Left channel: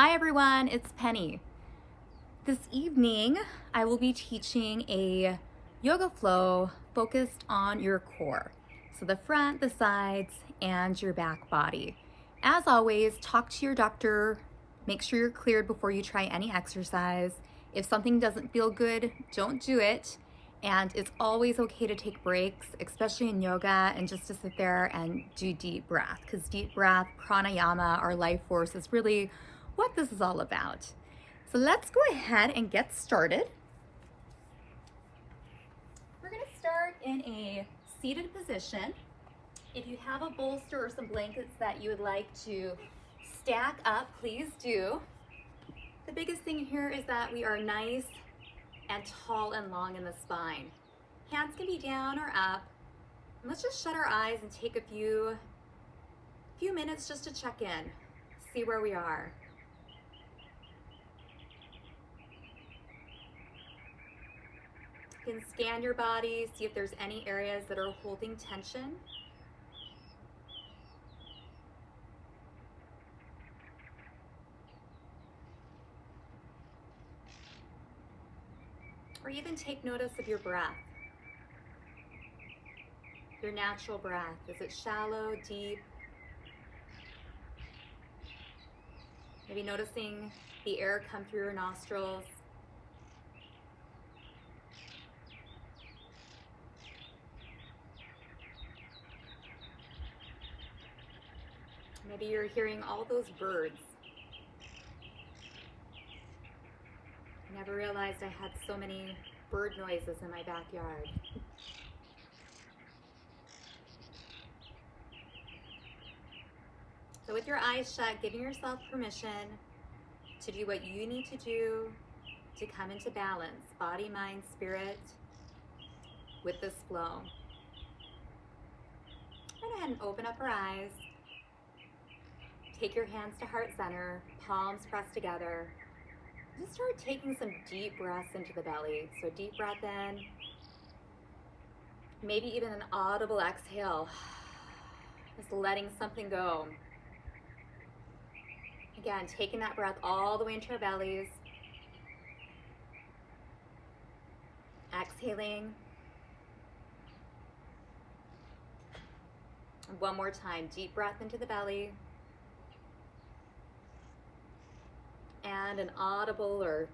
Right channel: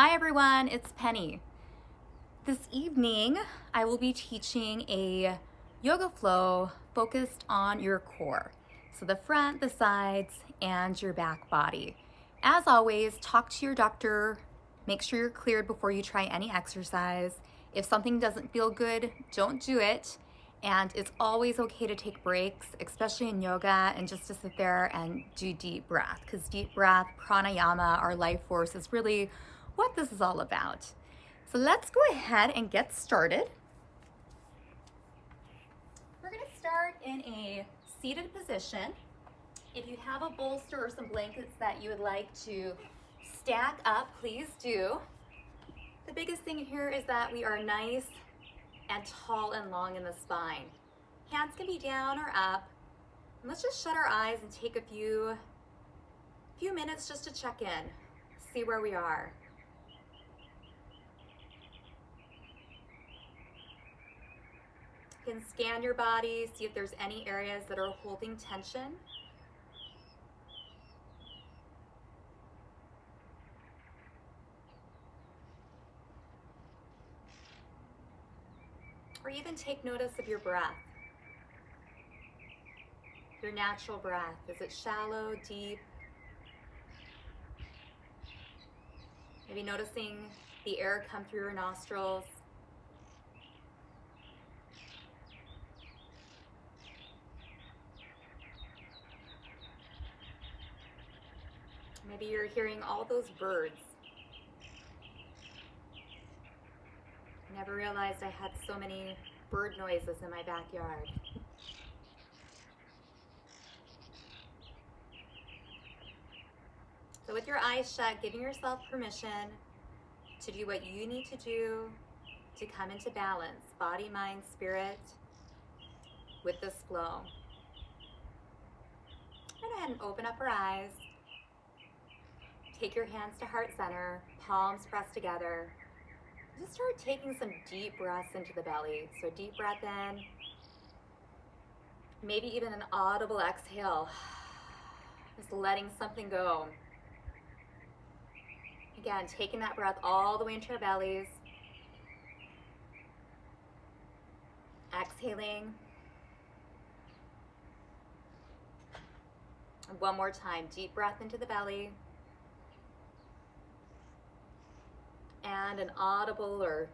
Hi everyone, it's Penny. This evening, I will be teaching a yoga flow focused on your core. So the front, the sides, and your back body. As always, talk to your doctor. Make sure you're cleared before you try any exercise. If something doesn't feel good, don't do it. And it's always okay to take breaks, especially in yoga, and just to sit there and do deep breath, because deep breath, pranayama, our life force is really what this is all about. So let's go ahead and get started. We're going to start in a seated position. If you have a bolster or some blankets that you would like to stack up, please do. The biggest thing here is that we are nice and tall and long in the spine. Hands can be down or up. And let's just shut our eyes and take a few minutes just to check in, see where we are. You can scan your body, see if there's any areas that are holding tension. Or even take notice of your breath. Your natural breath. Is it shallow, deep? Maybe noticing the air come through your nostrils. Maybe you're hearing all those birds. I never realized I had so many bird noises in my backyard. So with your eyes shut, giving yourself permission to do what you need to do to come into balance, body, mind, spirit, with this flow. Go ahead and open up our eyes. Take your hands to heart center, palms pressed together. Just start taking some deep breaths into the belly. So deep breath in, maybe even an audible exhale. Just letting something go. Again, taking that breath all the way into our bellies. Exhaling. And one more time, deep breath into the belly. And an audible or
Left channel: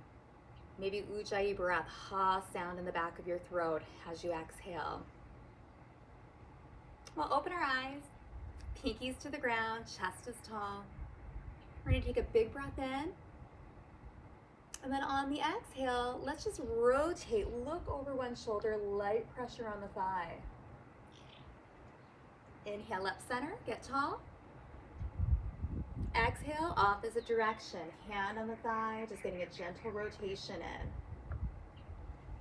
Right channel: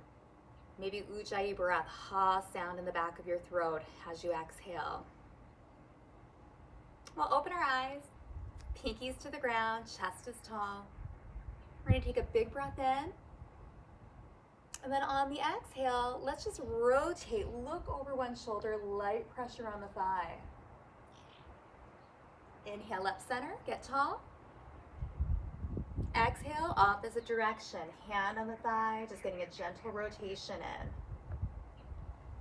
maybe ujjayi breath, ha sound in the back of your throat as you exhale. We'll open our eyes, pinkies to the ground, chest is tall. We're going to take a big breath in. And then on the exhale, let's just rotate, look over one shoulder, light pressure on the thigh. Inhale up center, get tall. Exhale, opposite direction, hand on the thigh, just getting a gentle rotation in.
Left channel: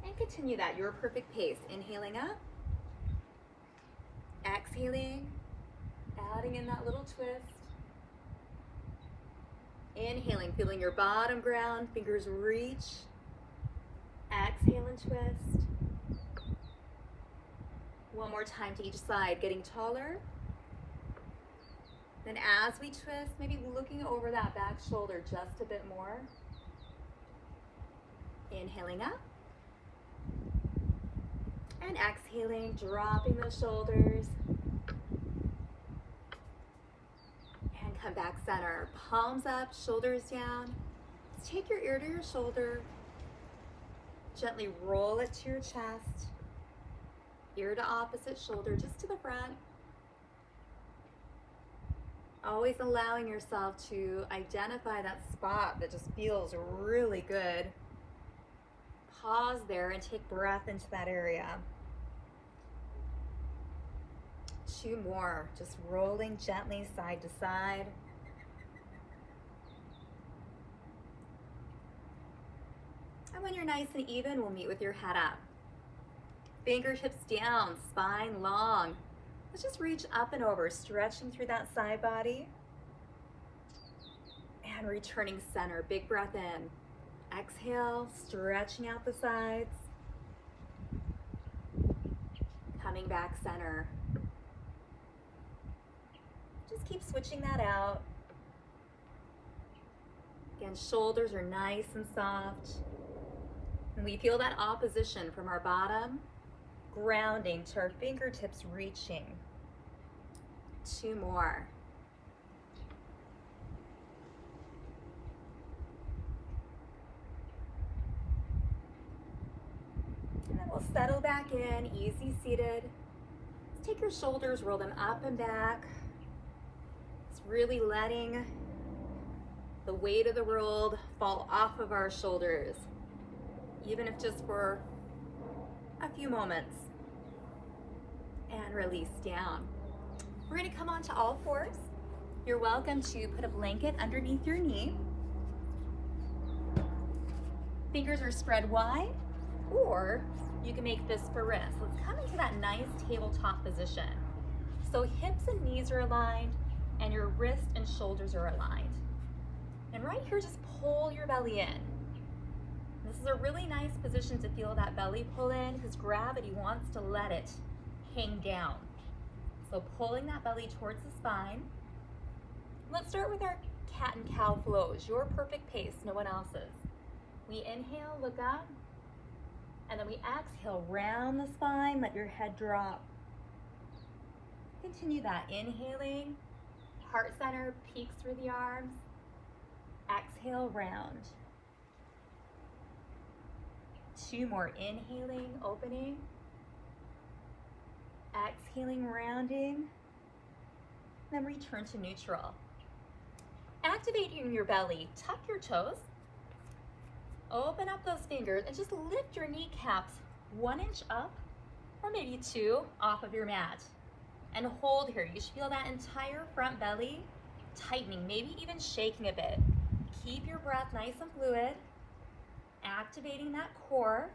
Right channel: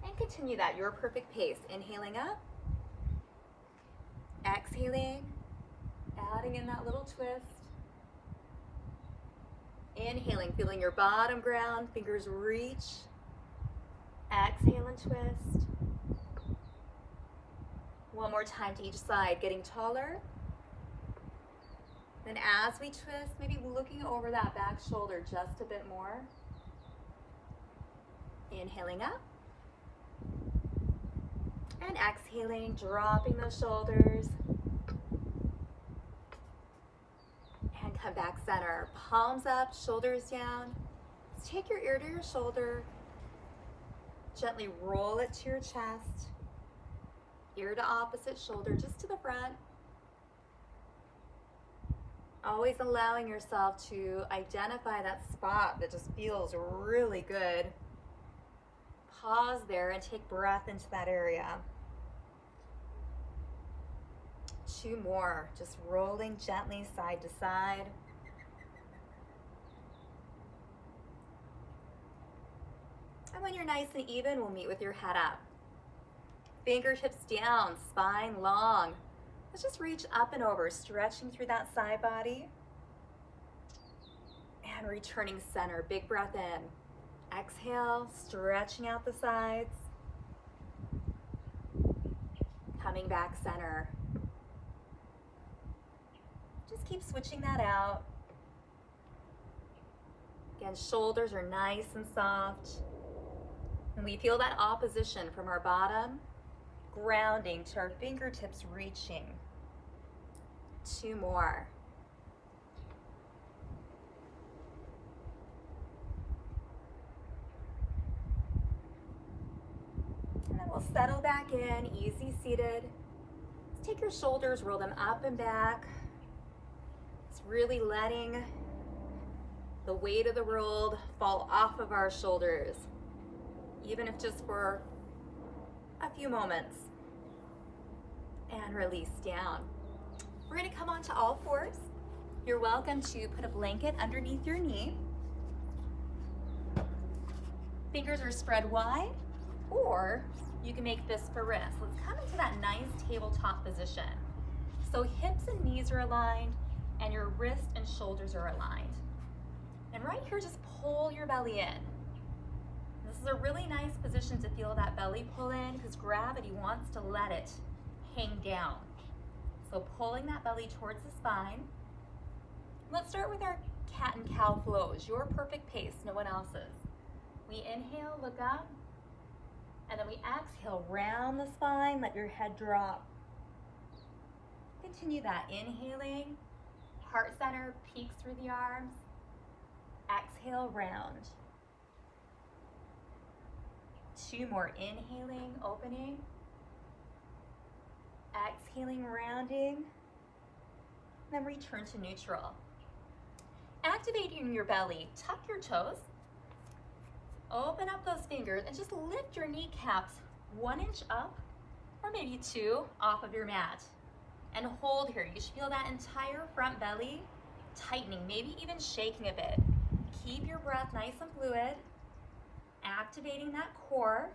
And continue that, your perfect pace. Inhaling up, exhaling, adding in that little twist. Inhaling, feeling your bottom ground, fingers reach. Exhale and twist. One more time to each side, getting taller. Then as we twist, maybe looking over that back shoulder just a bit more. Inhaling up. And exhaling, dropping those shoulders. And come back center. Palms up, shoulders down. Let's take your ear to your shoulder. Gently roll it to your chest. Ear to opposite shoulder, just to the front. Always allowing yourself to identify that spot that just feels really good. Pause there and take breath into that area. 2 more, just rolling gently side to side. And when you're nice and even, we'll meet with your head up. Fingertips down, spine long. Let's just reach up and over, stretching through that side body. And returning center, big breath in. Exhale, stretching out the sides. Coming back center. Just keep switching that out. and shoulders are nice and soft. And we feel that opposition from our bottom, grounding to our fingertips reaching. 2 more. And then we'll settle back in, easy seated. Take your shoulders, roll them up and back. It's really letting the weight of the world fall off of our shoulders, even if just for a few moments. And release down. We're gonna come onto all fours. You're welcome to put a blanket underneath your knee. Fingers are spread wide, or you can make fist for wrist. Let's come into that nice tabletop position. So hips and knees are aligned, and your wrist and shoulders are aligned. And right here, just pull your belly in. This is a really nice position to feel that belly pull in, because gravity wants to let it hang down. So pulling that belly towards the spine. Let's start with our cat and cow flows, your perfect pace, no one else's. We inhale, look up, and then we exhale, round the spine, let your head drop. Continue that, inhaling, heart center peeks through the arms. Exhale, round. 2 more, inhaling, opening. Exhaling, rounding. Then return to neutral. Activating your belly, tuck your toes. Open up those fingers and just lift your kneecaps 1 inch up, or maybe 2 off of your mat. And hold here. You should feel that entire front belly tightening, maybe even shaking a bit. Keep your breath nice and fluid, activating that core.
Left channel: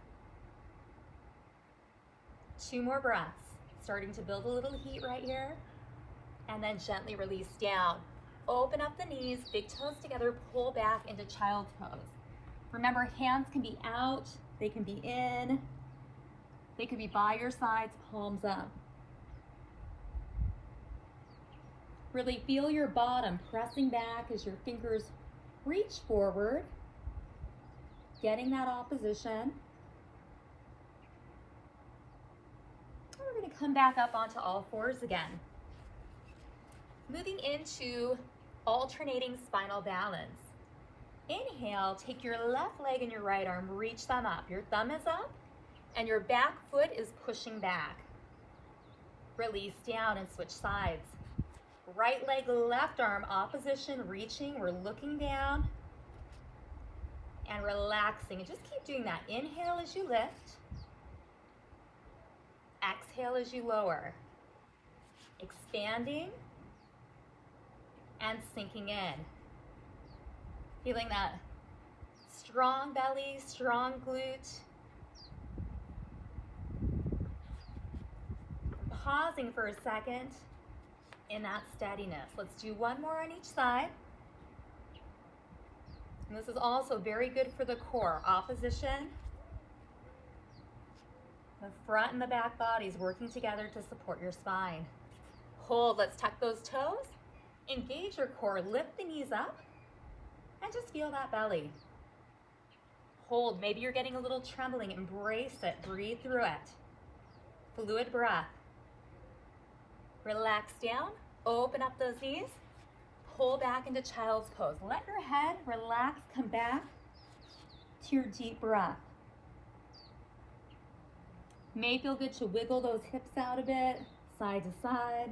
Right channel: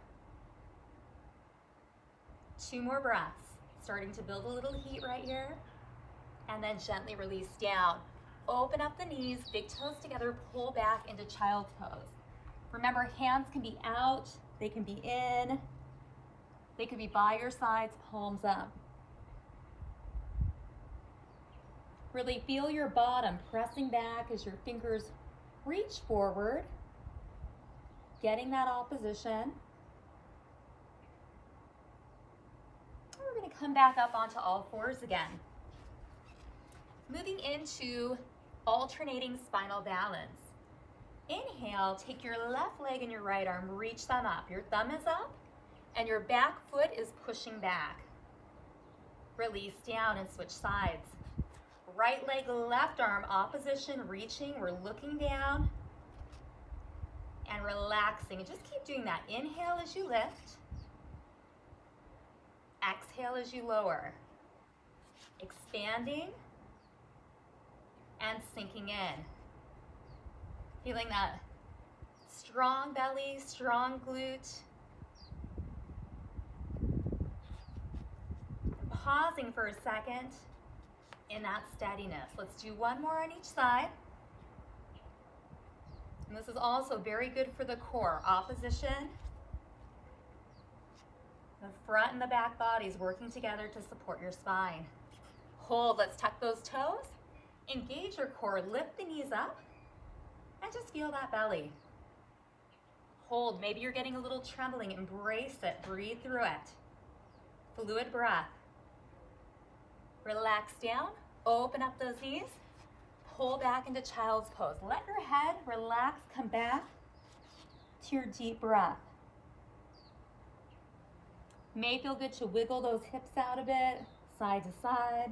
2 more breaths, starting to build a little heat right here. And then gently release down. Open up the knees, big toes together, pull back into child's pose. Remember, hands can be out, they can be in, they could be by your sides, palms up. Really feel your bottom pressing back as your fingers reach forward, getting that opposition. We're going to come back up onto all fours again. Moving into alternating spinal balance. Inhale, take your left leg and your right arm, reach them up. Your thumb is up and your back foot is pushing back. Release down and switch sides. Right leg, left arm, opposition, reaching. We're looking down and relaxing. And just keep doing that. Inhale as you lift. Exhale as you lower. Expanding and sinking in. Feeling that strong belly, strong glute. Pausing for a second in that steadiness. Let's do 1 more on each side. And this is also very good for the core. Opposition. The front and the back bodies working together to support your spine. Hold, let's tuck those toes. Engage your core, lift the knees up, and just feel that belly. Hold, maybe you're getting a little trembling, embrace it, breathe through it. Fluid breath. Relax down, open up those knees, pull back into child's pose. Let your head relax, come back to your deep breath. May feel good to wiggle those hips out a bit, side to side.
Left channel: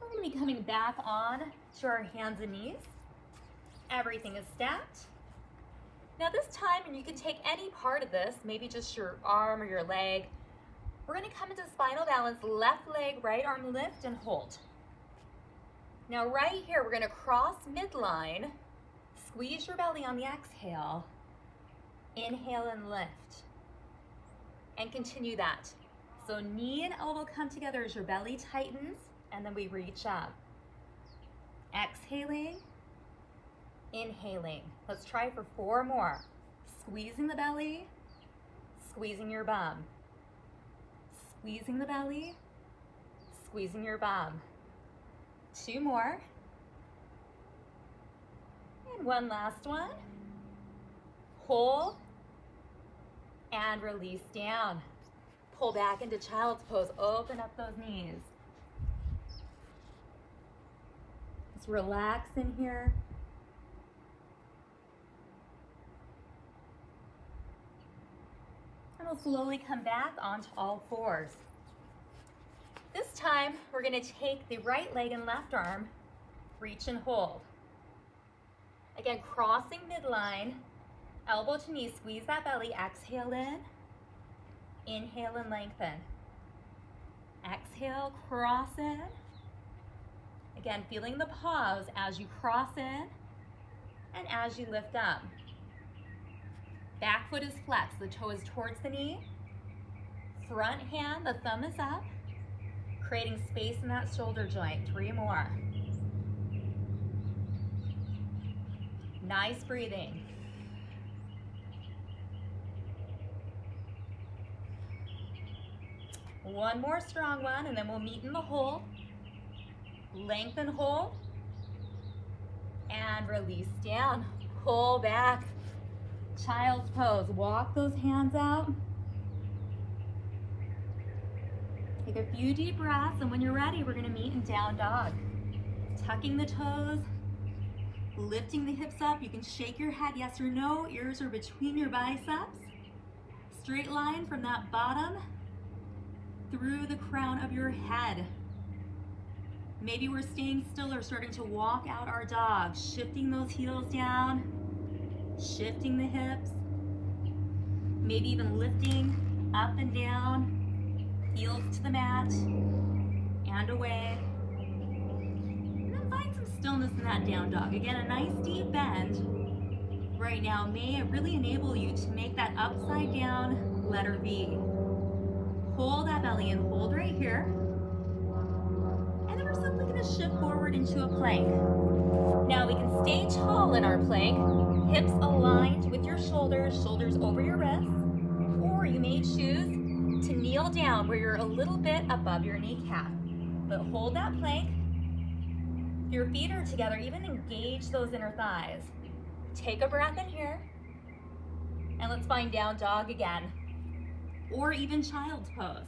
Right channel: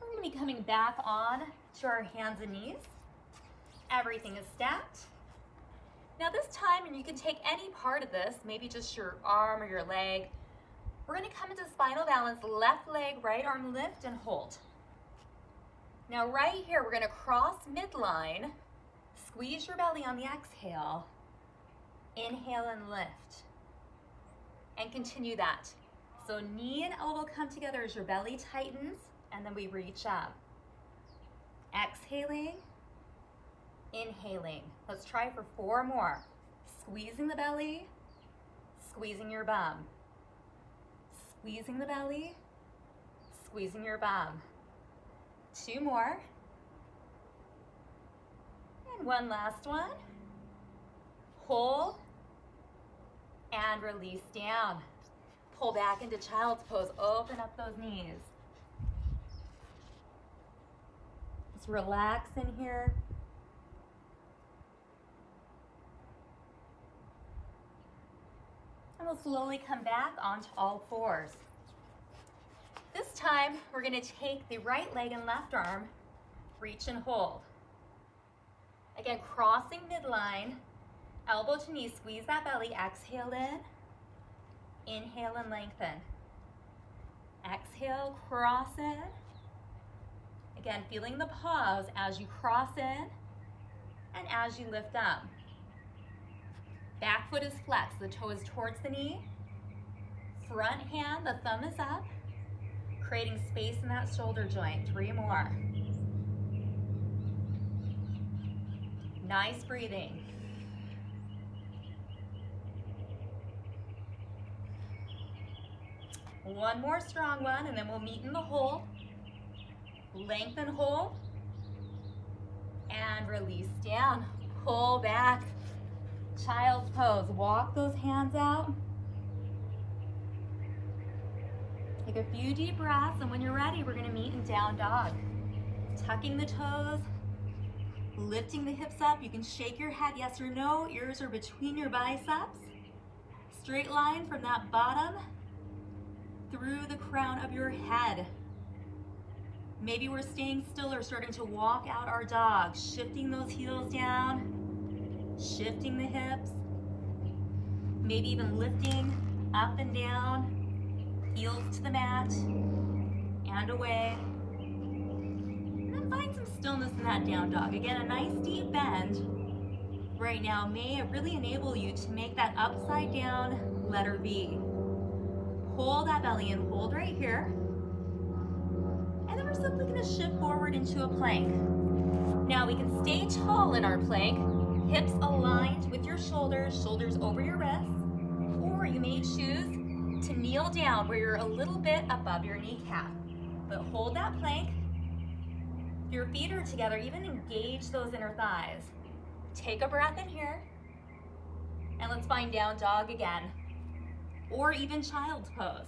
We're going to be coming back on to our hands and knees. Everything is stacked. Now this time, and you can take any part of this, maybe just your arm or your leg, we're going to come into spinal balance, left leg, right arm lift and hold. Now right here, we're going to cross midline, squeeze your belly on the exhale, inhale and lift, and continue that. So knee and elbow come together as your belly tightens, and then we reach up. Exhaling, inhaling. Let's try for 4 more. Squeezing the belly, squeezing your bum. Squeezing the belly, squeezing your bum. 2 more. And one last one. Hold and release down. Pull back into child's pose. Open up those knees. Just relax in here. And we'll slowly come back onto all fours. This time, we're going to take the right leg and left arm, reach and hold. Again, crossing midline, elbow to knee, squeeze that belly, exhale in, inhale and lengthen. Exhale, cross in. Again, feeling the pause as you cross in and as you lift up. Back foot is flexed, the toe is towards the knee. Front hand, the thumb is up, creating space in that shoulder joint. 3 more. Nice breathing. One more strong one, and then we'll meet in the hold. Lengthen hold. And release down. Pull back. Child's pose. Walk those hands out. Take a few deep breaths, and when you're ready, we're going to meet in down dog. Tucking the toes, lifting the hips up. You can shake your head yes or no. Ears are between your biceps. Straight line from that bottom through the crown of your head. Maybe we're staying still or starting to walk out our dog. Shifting those heels down, shifting the hips. Maybe even lifting up and down, heels to the mat and away. And then find some stillness in that down dog. Again, a nice deep bend right now may really enable you to make that upside down letter V. Hold that belly in, hold right here. And then we're simply going to shift forward into a plank. Now we can stay tall in our plank, hips aligned with your shoulders, shoulders over your wrists, or you may choose to kneel down where you're a little bit above your kneecap. But hold that plank. If your feet are together, even engage those inner thighs. Take a breath in here. And let's find down dog again. Or even child's pose.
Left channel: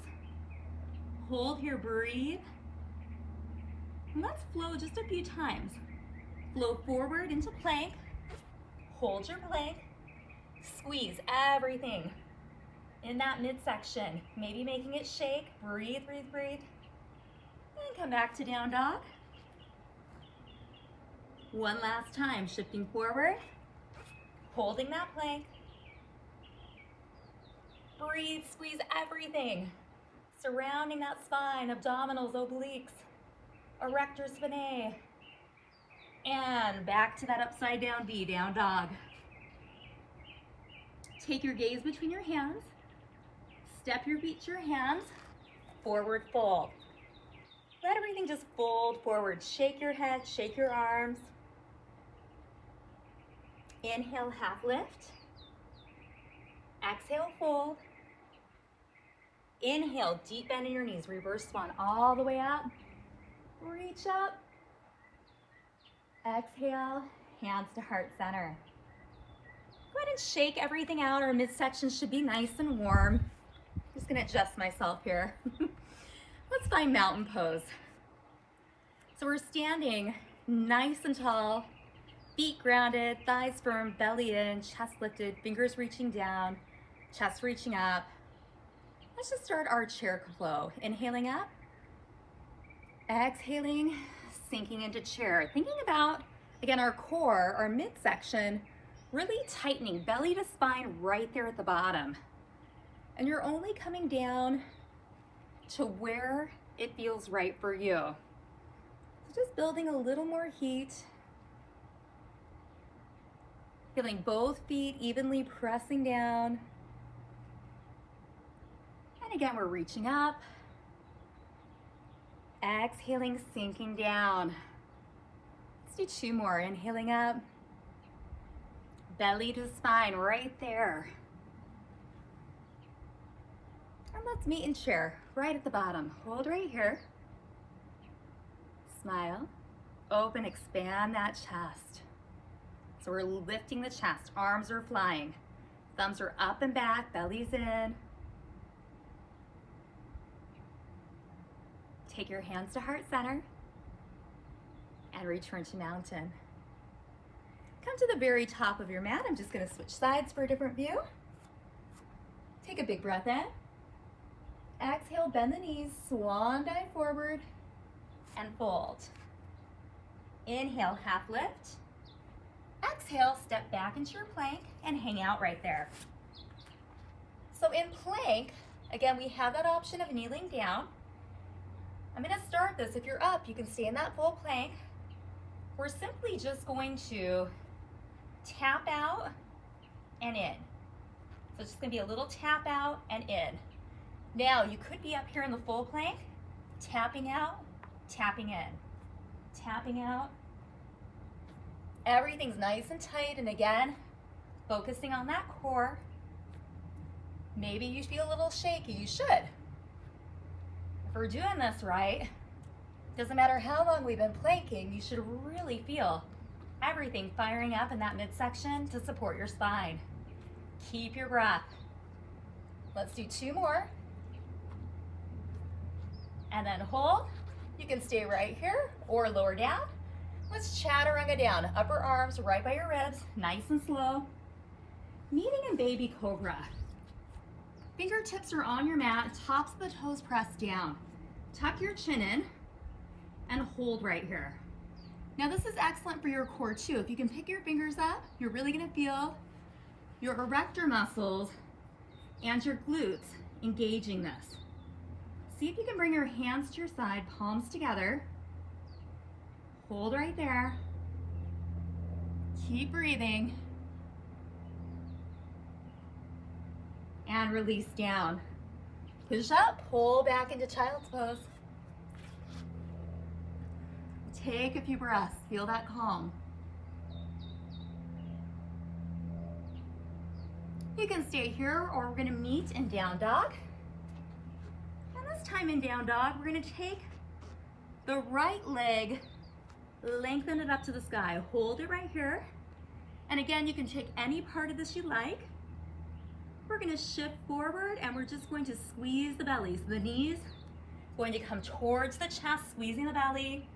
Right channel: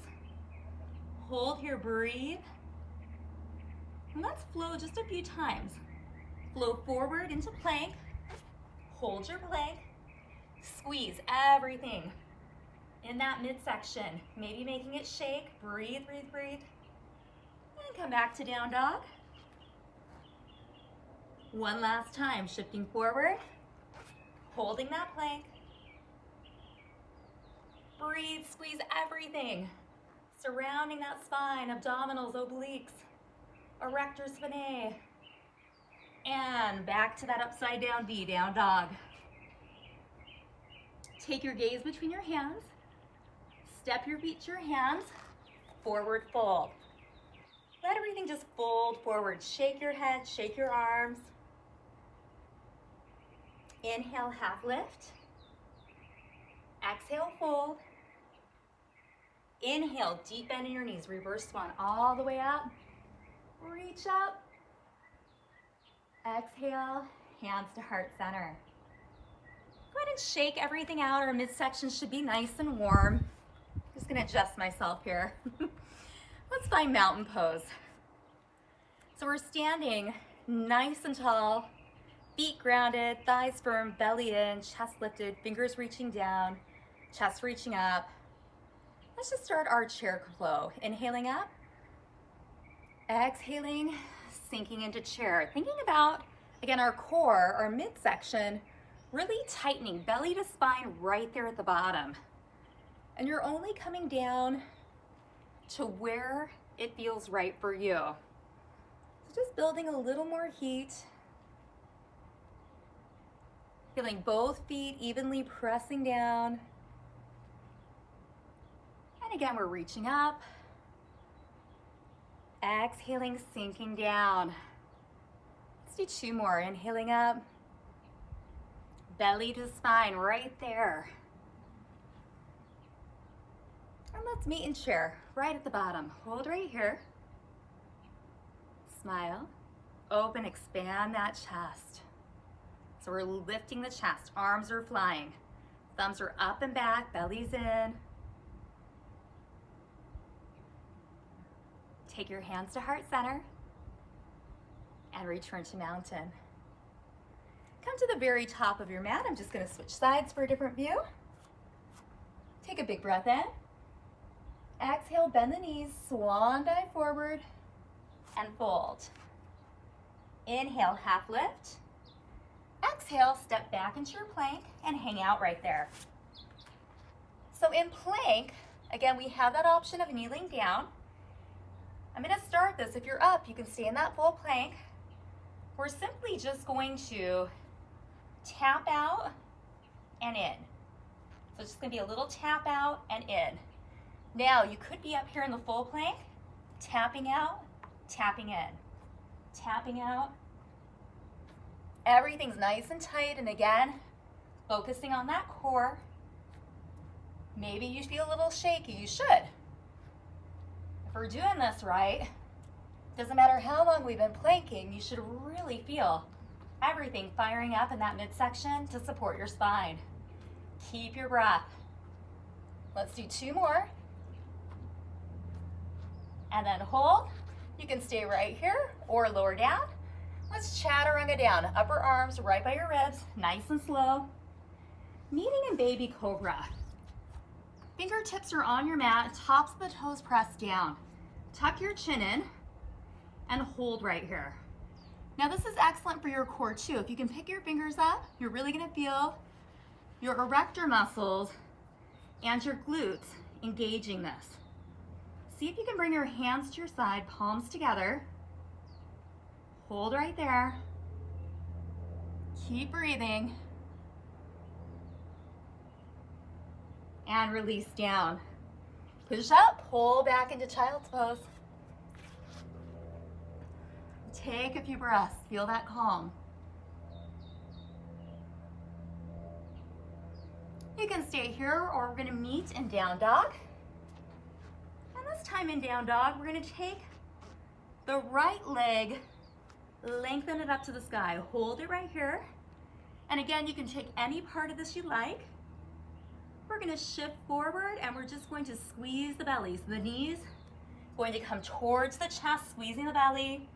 Hold here, breathe. And let's flow just a few times. Flow forward into plank. Hold your plank. Squeeze everything in that midsection. Maybe making it shake. Breathe, breathe, breathe. And come back to down dog. One last time, shifting forward. Holding that plank. Breathe, squeeze everything. Surrounding that spine, abdominals, obliques, erector spinae. And back to that upside down V, down dog. Take your gaze between your hands. Step your feet to your hands. Forward fold. Let everything just fold forward. Shake your head, shake your arms. Inhale, half lift. Exhale, fold. Inhale, deep bend in your knees. Reverse swan all the way up. Reach up. Exhale, hands to heart center. Go ahead and shake everything out. Our midsection should be nice and warm. Just gonna adjust myself here. Let's find mountain pose. So we're standing nice and tall, feet grounded, thighs firm, belly in, chest lifted, fingers reaching down, chest reaching up. Let's just start our chair flow. Inhaling up, exhaling, sinking into chair. Thinking about, again, our core, our midsection, really tightening, belly to spine right there at the bottom. And you're only coming down to where it feels right for you. So just building a little more heat. Feeling both feet evenly pressing down. And again, we're reaching up. Exhaling, sinking down. Let's do 2 more. Inhaling up. Belly to spine right there. And let's meet in chair right at the bottom. Hold right here. Smile. Open, expand that chest. So we're lifting the chest, arms are flying. Thumbs are up and back, belly's in. Take your hands to heart center and return to mountain. Come to the very top of your mat. I'm just gonna switch sides for a different view. Take a big breath in. Exhale, bend the knees, swan dive forward and fold. Inhale, half lift. Exhale, step back into your plank and hang out right there. So in plank, again, we have that option of kneeling down. I'm gonna start this. If you're up, you can stay in that full plank. We're simply just going to tap out and in. So it's just gonna be a little tap out and in. Now, you could be up here in the full plank, tapping out, tapping in, tapping out. Everything's nice and tight, and again, focusing on that core. Maybe you feel a little shaky, you should. If we're doing this right, doesn't matter how long we've been planking, you should really feel everything firing up in that midsection to support your spine. Keep your breath. Let's do 2 more. And then hold. You can stay right here or lower down. Let's chaturanga down. Upper arms right by your ribs, nice and slow. Meeting in baby cobra. Fingertips are on your mat, tops of the toes pressed down. Tuck your chin in and hold right here. Now this is excellent for your core too. If you can pick your fingers up, you're really gonna feel your erector muscles and your glutes engaging this. See if you can bring your hands to your side, palms together. Hold right there. Keep breathing. And release down. Push up, pull back into child's pose. Take a few breaths, feel that calm. You can stay here or we're gonna meet in down dog. And this time in down dog, we're gonna take the right leg, lengthen it up to the sky. Hold it right here. And again, you can take any part of this you like. We're gonna shift forward and we're just going to squeeze the belly. So the knees going to come towards the chest, squeezing the belly.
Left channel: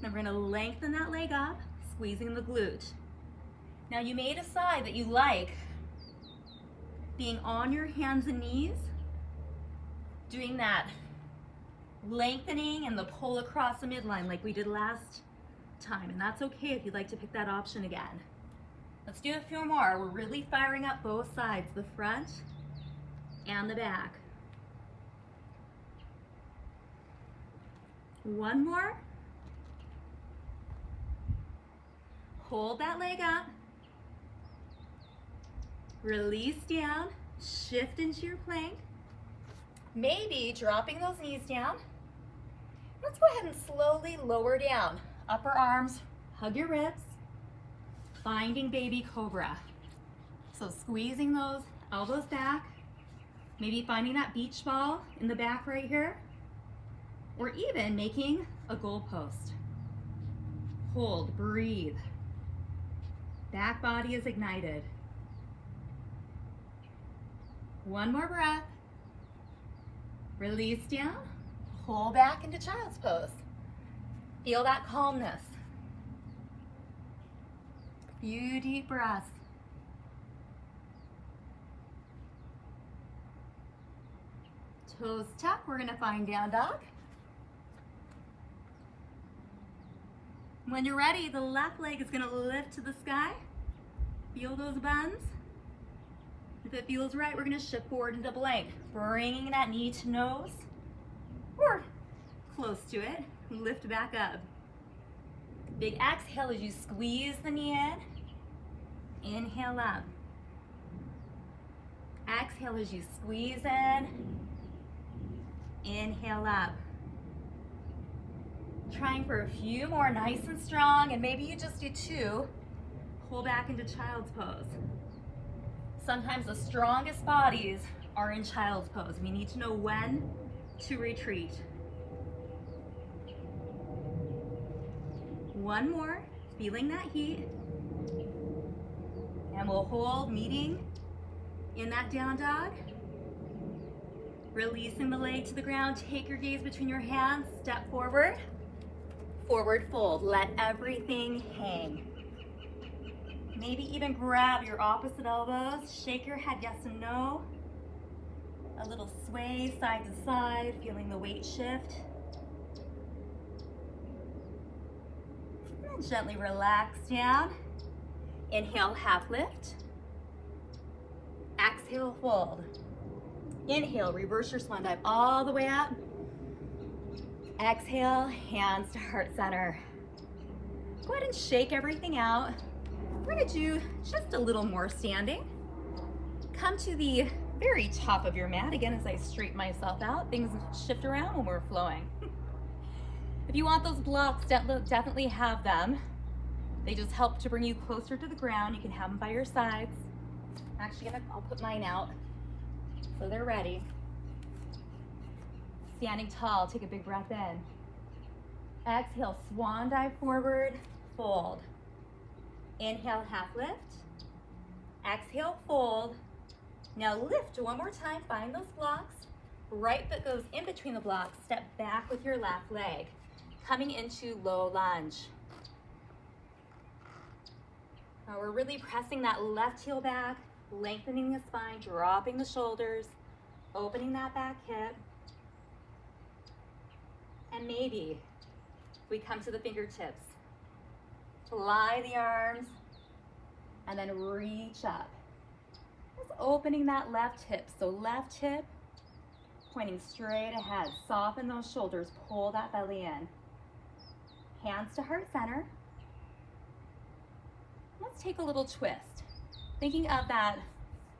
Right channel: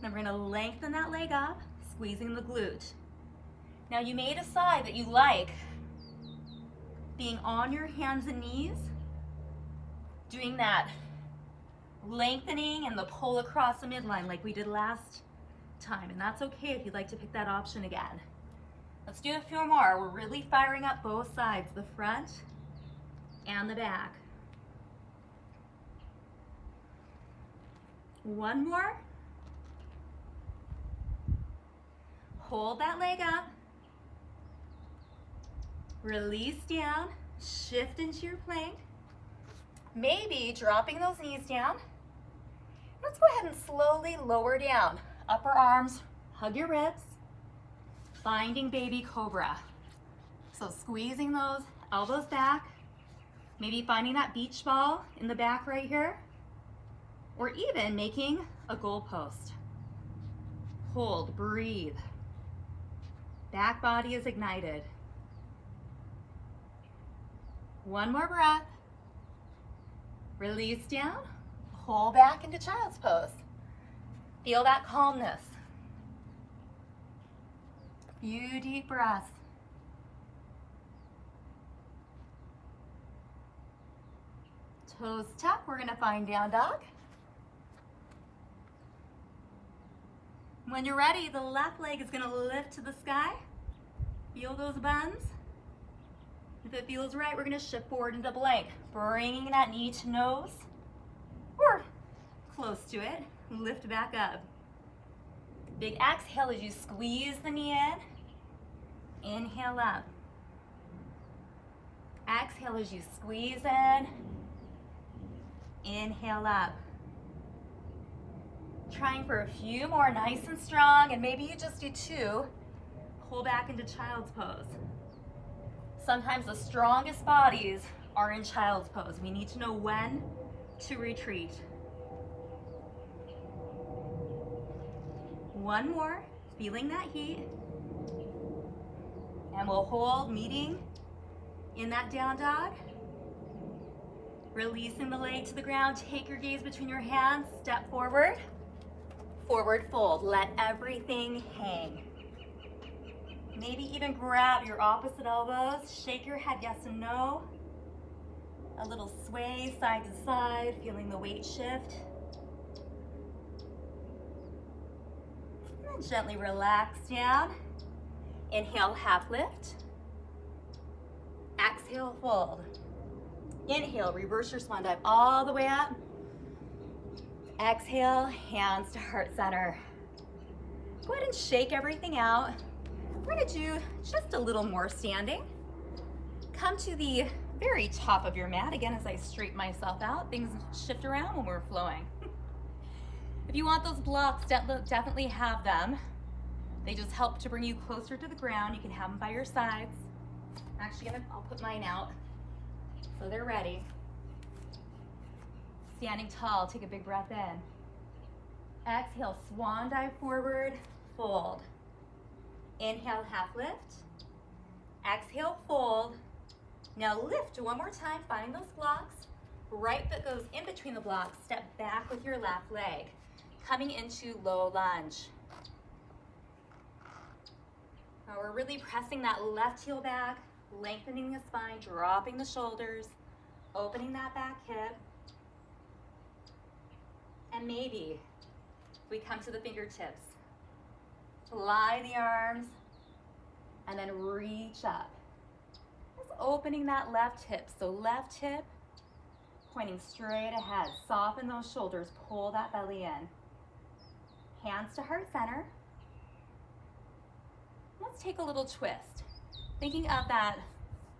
Then we're gonna lengthen that leg up, squeezing the glute. Now you may decide that you like being on your hands and knees, doing that lengthening and the pull across the midline like we did last time. And that's okay if you'd like to pick that option again. Let's do a few more. We're really firing up both sides, the front and the back. 1 more. Hold that leg up. Release down, shift into your plank. Maybe dropping those knees down. Let's go ahead and slowly lower down. Upper arms, hug your ribs. Finding baby cobra. So squeezing those elbows back, maybe finding that beach ball in the back right here, or even making a goalpost. Hold, breathe. Back body is ignited. 1 more breath. Release down, pull back into child's pose. Feel that calmness. Few deep breaths. Toes tuck, we're gonna find down dog. When you're ready, the left leg is gonna lift to the sky. Feel those bends. If it feels right, we're gonna shift forward into plank, bringing that knee to nose, or close to it, lift back up. Big exhale as you squeeze the knee in. Inhale up. Exhale as you squeeze in. Inhale up. Trying for a few more, nice and strong, and maybe you just do 2. Pull back into child's pose. Sometimes the strongest bodies are in child's pose. We need to know when to retreat. One more, feeling that heat. And we'll hold, meeting in that down dog. Releasing the leg to the ground, take your gaze between your hands, step forward, forward fold. Let everything hang. Maybe even grab your opposite elbows, shake your head yes and no. A little sway side to side, feeling the weight shift. And gently relax down. Inhale, half lift. Exhale, fold. Inhale, reverse your swan dive all the way up. Exhale, hands to heart center. Go ahead and shake everything out. We're gonna do just a little more standing. Come to the very top of your mat. Again, as I straighten myself out, things shift around when we're flowing. If you want those blocks, definitely have them. They just help to bring you closer to the ground. You can have them by your sides. I'll put mine out so they're ready. Standing tall, take a big breath in. Exhale, swan dive forward, fold. Inhale, half lift. Exhale, fold. Now lift one more time, find those blocks. Right foot goes in between the blocks, step back with your left leg. Coming into low lunge. Now we're really pressing that left heel back, lengthening the spine, dropping the shoulders, opening that back hip. And maybe we come to the fingertips. Fly the arms and then reach up. Just opening that left hip. So left hip pointing straight ahead. Soften those shoulders, pull that belly in. Hands to heart center. Let's take a little twist. Thinking of that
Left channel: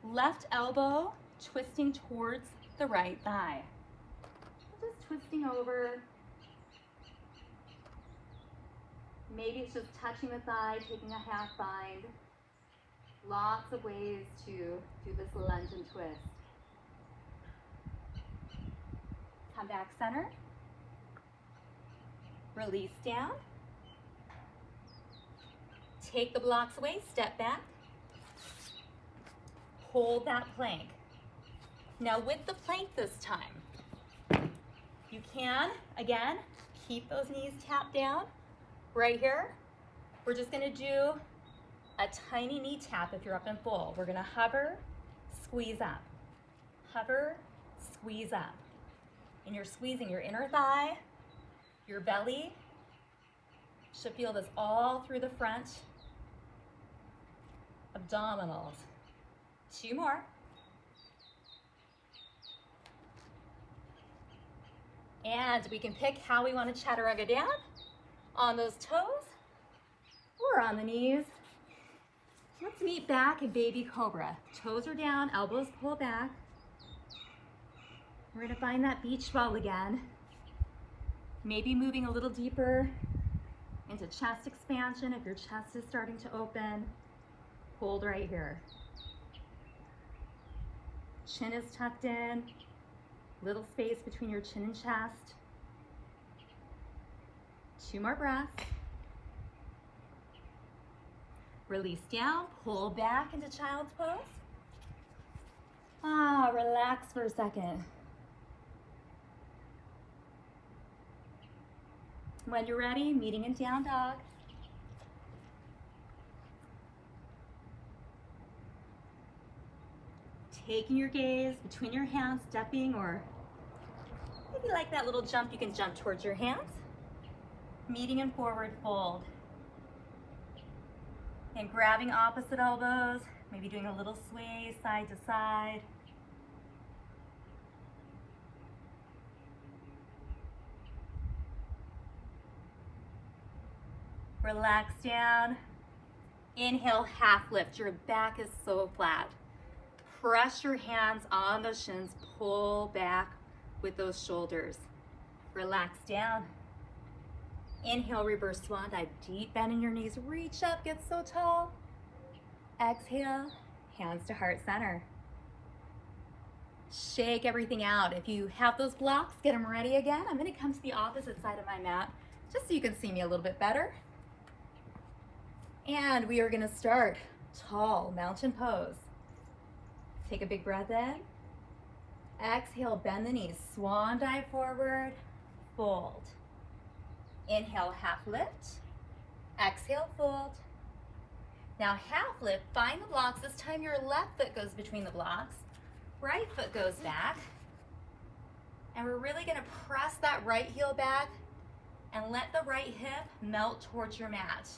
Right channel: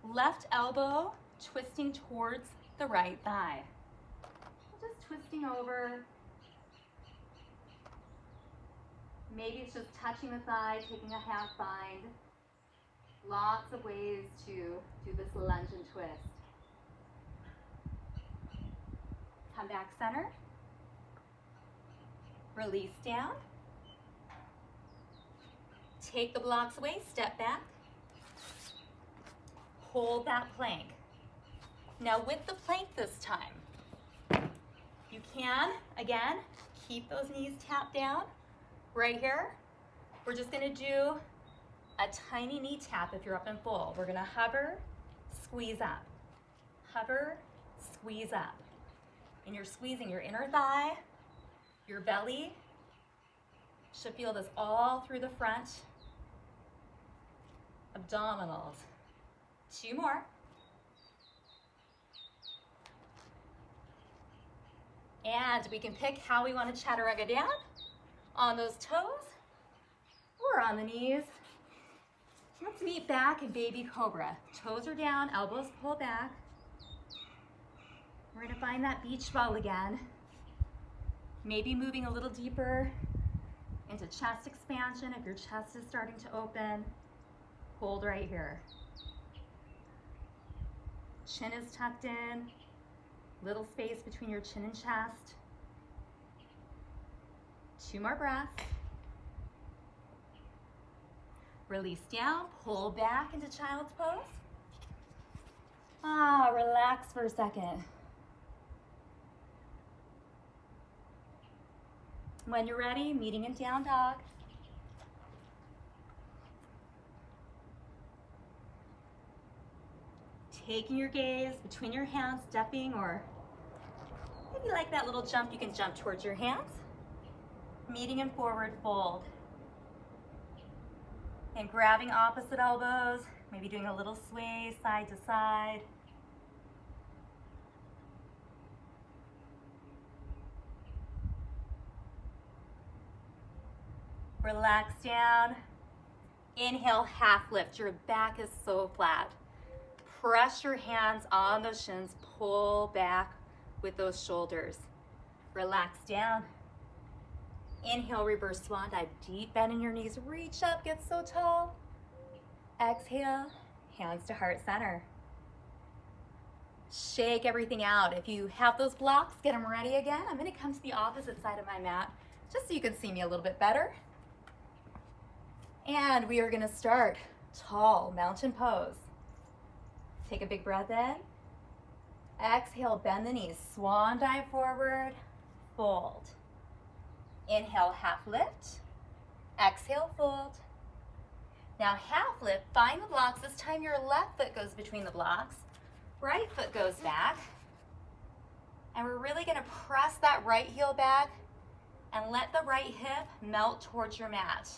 left elbow twisting towards the right thigh. Just twisting over. Maybe it's just touching the thigh, taking a half bind. Lots of ways to do this lunge and twist. Come back center. Release down. Take the blocks away, step back. Hold that plank. Now with the plank this time, you can, again, keep those knees tapped down. Right here, we're just gonna do a tiny knee tap if you're up in full. We're gonna hover, squeeze up. Hover, squeeze up. And you're squeezing your inner thigh, your belly. Should feel this all through the front. Abdominals. 2 more. And we can pick how we want to chaturanga down. On those toes or on the knees. Let's meet back in baby cobra. Toes are down, elbows pull back. We're gonna find that beach ball again. Maybe moving a little deeper into chest expansion if your chest is starting to open. Hold right here. Chin is tucked in. Little space between your chin and chest. 2 more breaths. Release down, pull back into child's pose. Relax for a second. When you're ready, meeting in down dog. Taking your gaze between your hands, stepping, or maybe like that little jump, you can jump towards your hands. Meeting in forward fold. And grabbing opposite elbows, maybe doing a little sway side to side. Relax down. Inhale, half lift. Your back is so flat. Press your hands on those shins, pull back with those shoulders. Relax down. Inhale, reverse swan dive, deep bend in your knees, reach up, get so tall. Exhale, hands to heart center. Shake everything out. If you have those blocks, get them ready again. I'm gonna come to the opposite side of my mat, just so you can see me a little bit better. And we are gonna start tall mountain pose. Take a big breath in. Exhale, bend the knees, swan dive forward, fold. Inhale, half lift. Exhale, fold. Now half lift, find the blocks. This time your left foot goes between the blocks, right foot goes back. And we're really gonna press that right heel back and let the right hip melt towards your mat.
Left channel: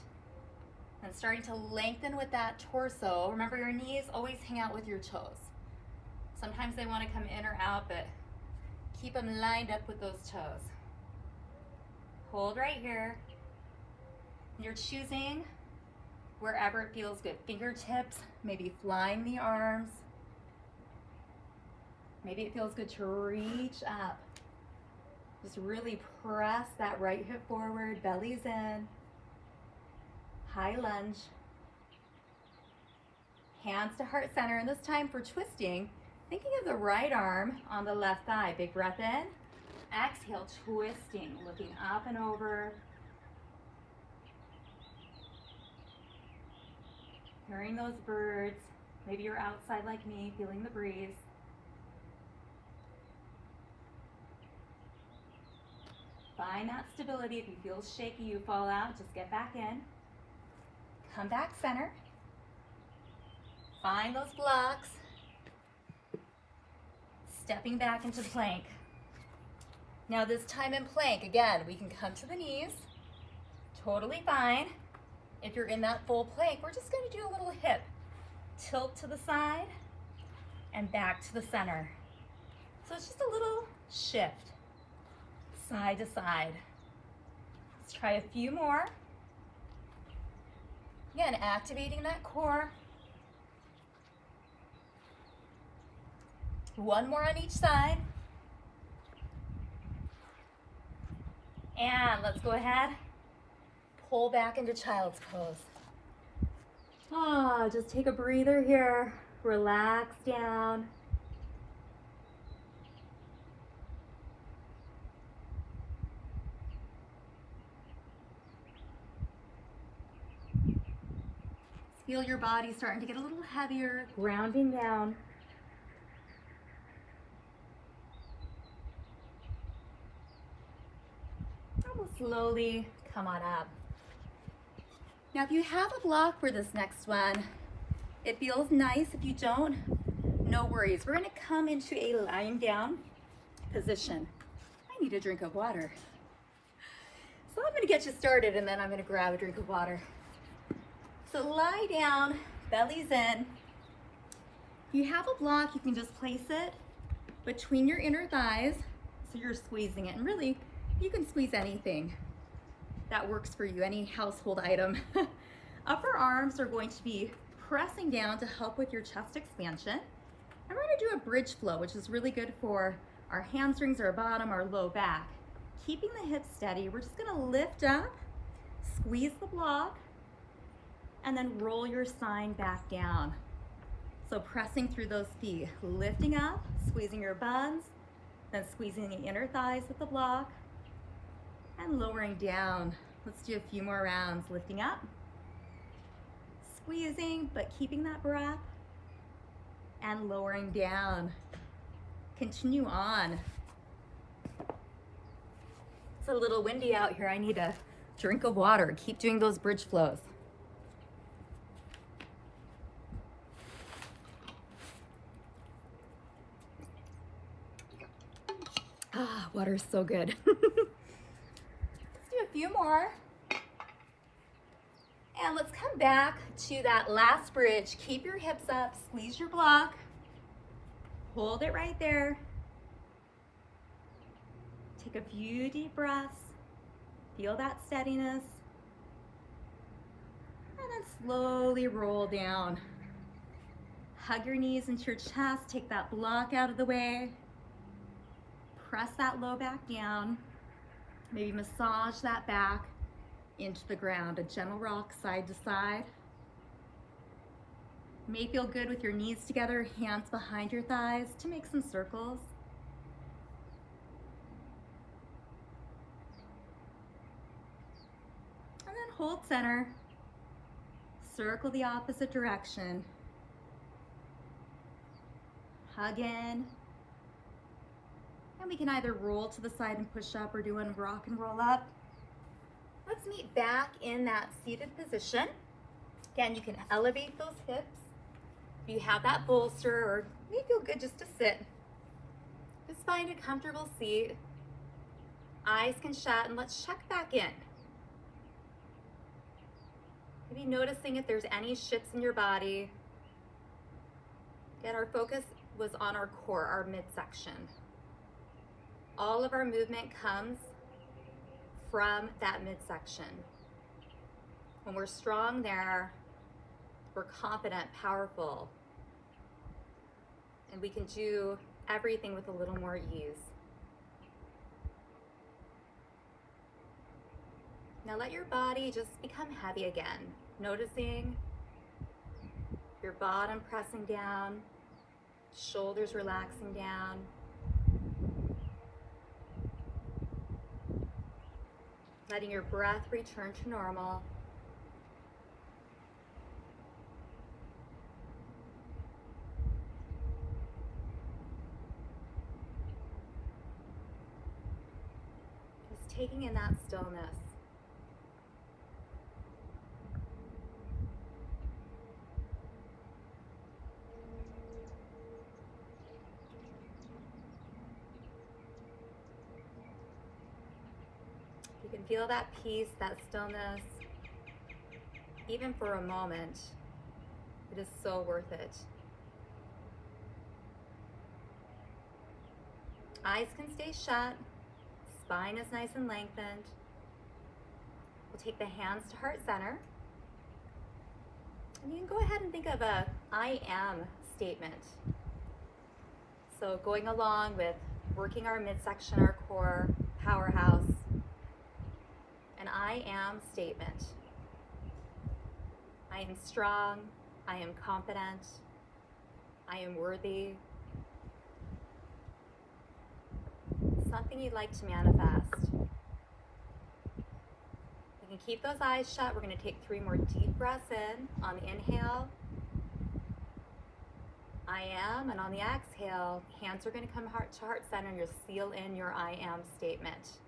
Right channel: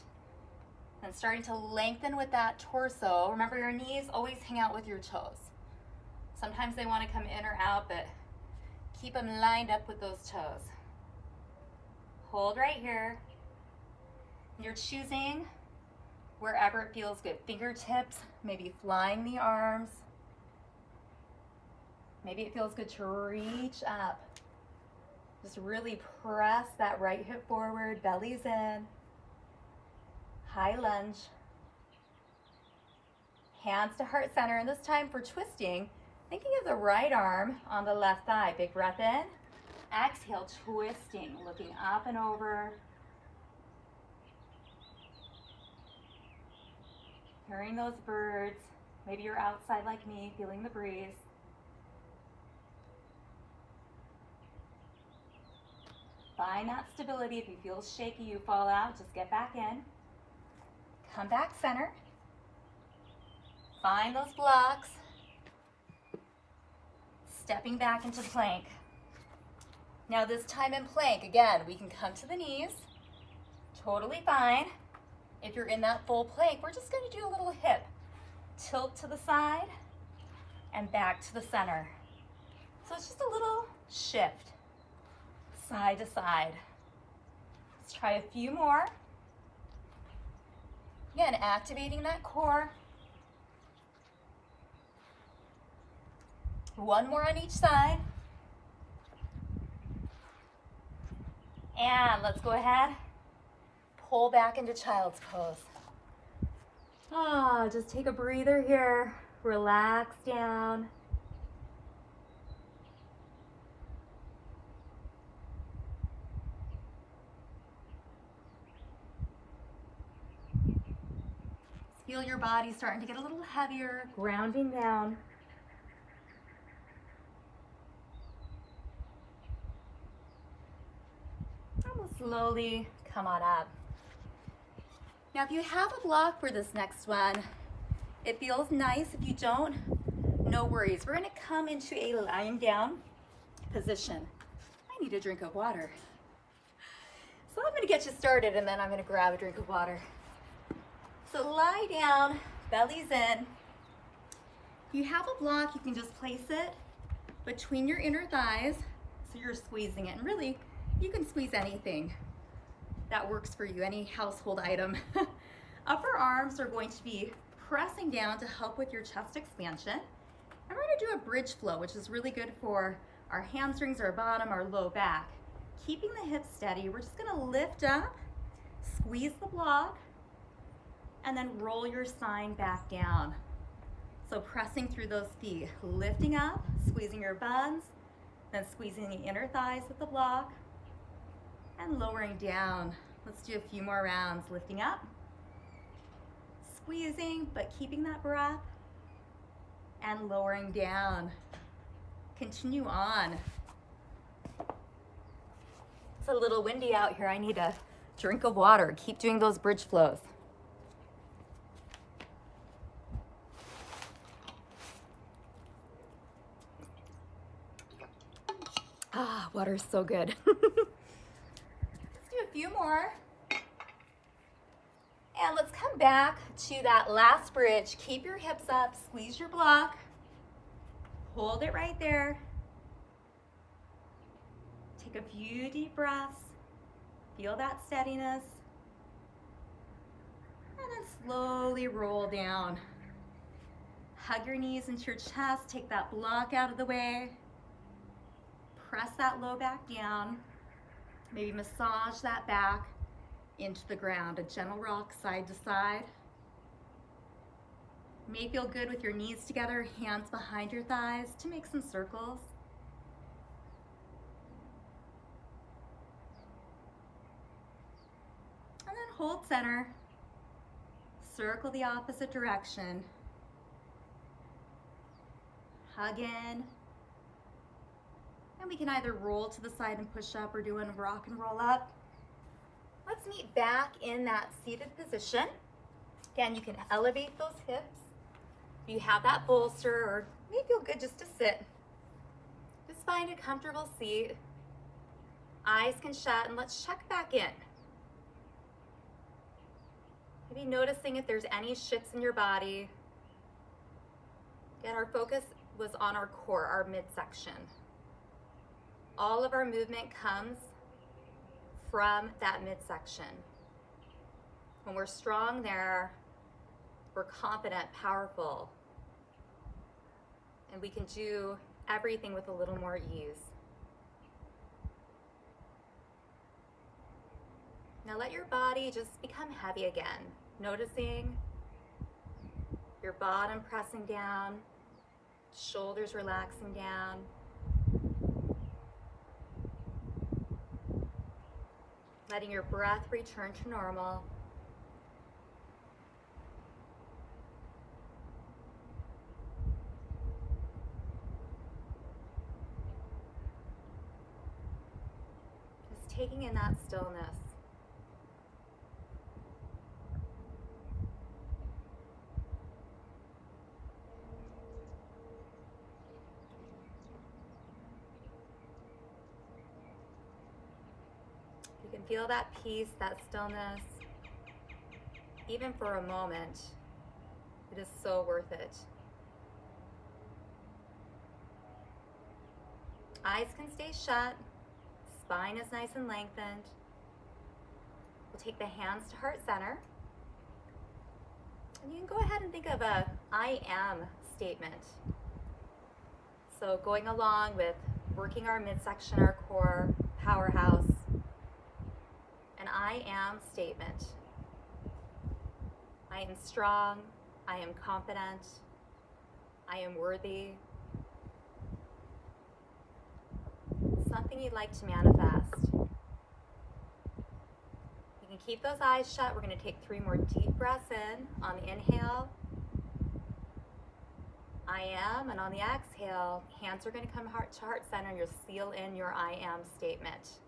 And starting to lengthen with that torso. Remember, your knees always hang out with your toes. Sometimes they want to come in or out, but keep them lined up with those toes. Hold right here. You're choosing wherever it feels good. Fingertips, maybe flying the arms. Maybe it feels good to reach up. Just really press that right hip forward, belly's in. High lunge. Hands to heart center, and this time for twisting, thinking of the right arm on the left thigh. Big breath in. Exhale, twisting, looking up and over. Hearing those birds. Maybe you're outside like me, feeling the breeze. Find that stability. If you feel shaky, you fall out, just get back in. Come back center. Find those blocks. Stepping back into plank. Now this time in plank, again, we can come to the knees. Totally fine. If you're in that full plank, we're just gonna do a little hip tilt to the side and back to the center. So it's just a little shift, side to side. Let's try a few more. Again, activating that core. One more on each side. And let's go ahead, pull back into child's pose. Just take a breather here. Relax down. Feel your body starting to get a little heavier, grounding down. And we'll slowly come on up. Now, if you have a block for this next one, it feels nice. If you don't, no worries. We're gonna come into a lying down position. I need a drink of water. So I'm gonna get you started and then I'm gonna grab a drink of water. So lie down, belly's in. If you have a block, you can just place it between your inner thighs so you're squeezing it. And really, you can squeeze anything that works for you, any household item. Upper arms are going to be pressing down to help with your chest expansion. And we're gonna do a bridge flow, which is really good for our hamstrings, our bottom, our low back. Keeping the hips steady, we're just gonna lift up, squeeze the block, and then roll your spine back down. So pressing through those feet, lifting up, squeezing your buns, then squeezing the inner thighs with the block, and lowering down. Let's do a few more rounds. Lifting up, squeezing, but keeping that breath, and lowering down. Continue on. It's a little windy out here. I need a drink of water. Keep doing those bridge flows. Water is so good. Let's do a few more. And let's come back to that last bridge. Keep your hips up, squeeze your block. Hold it right there. Take a few deep breaths. Feel that steadiness. And then slowly roll down. Hug your knees into your chest. Take that block out of the way. Press that low back down. Maybe massage that back into the ground. A gentle rock side to side. May feel good with your knees together, hands behind your thighs to make some circles. And then hold center. circle the opposite direction. Hug in. And we can either roll to the side and push up or do a rock and roll up. Let's meet back in that seated position. Again, you can elevate those hips. If you have that bolster, or may feel good just to sit. Just find a comfortable seat. Eyes can shut, and let's check back in. Maybe noticing if there's any shifts in your body. Again, our focus was on our core, our midsection. All of our movement comes from that midsection. When we're strong there, we're confident, powerful, and we can do everything with a little more ease. Now let your body just become heavy again, noticing your bottom pressing down, shoulders relaxing down. Letting your breath return to normal. Just taking in that stillness. You can feel that peace, that stillness, even for a moment. It is so worth it. Eyes can stay shut, spine is nice and lengthened. We'll take the hands to heart center. And you can go ahead and think of a I am statement. So going along with working our midsection, our core, powerhouse, an I am statement. I am strong, I am confident, I am worthy. Something you'd like to manifest. You can keep those eyes shut. We're going to take 3 more deep breaths in. On the inhale, I am, and on the exhale, hands are going to come heart to heart center, and you'll seal in your I am statement.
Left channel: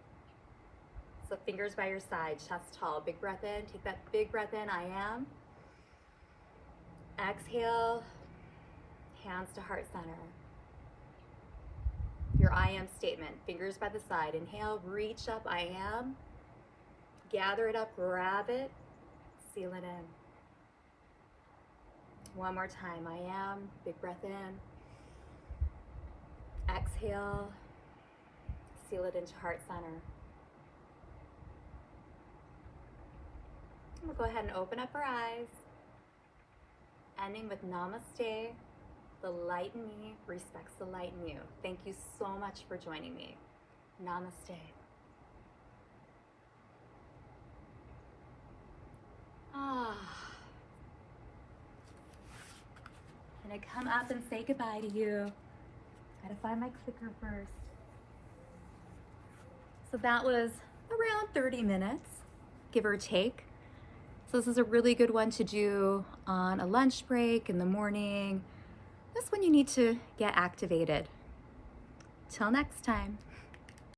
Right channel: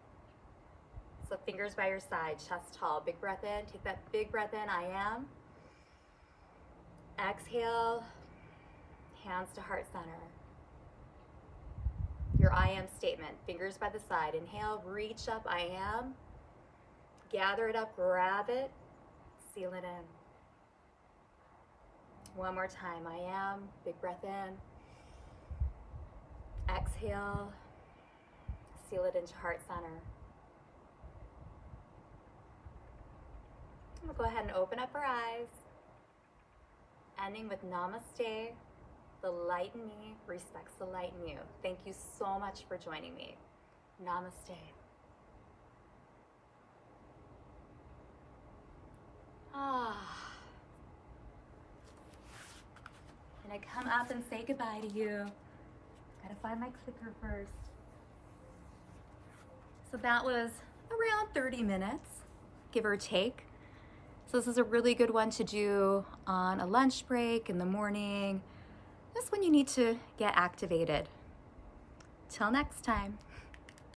So fingers by your side, chest tall. Big breath in, take that big breath in, I am. Exhale, hands to heart center. Your I am statement, fingers by the side. Inhale, reach up, I am. Gather it up, grab it, seal it in. One more time, I am. Big breath in. Exhale, seal it into heart center. We'll go ahead and open up our eyes, ending with namaste. The light in me respects the light in you. Thank you so much for joining me. Namaste. And I come up and say goodbye to you. Gotta find my clicker first. So that was around 30 minutes, give or take. So this is a really good one to do on a lunch break in the morning. That's when you need to get activated. Till next time.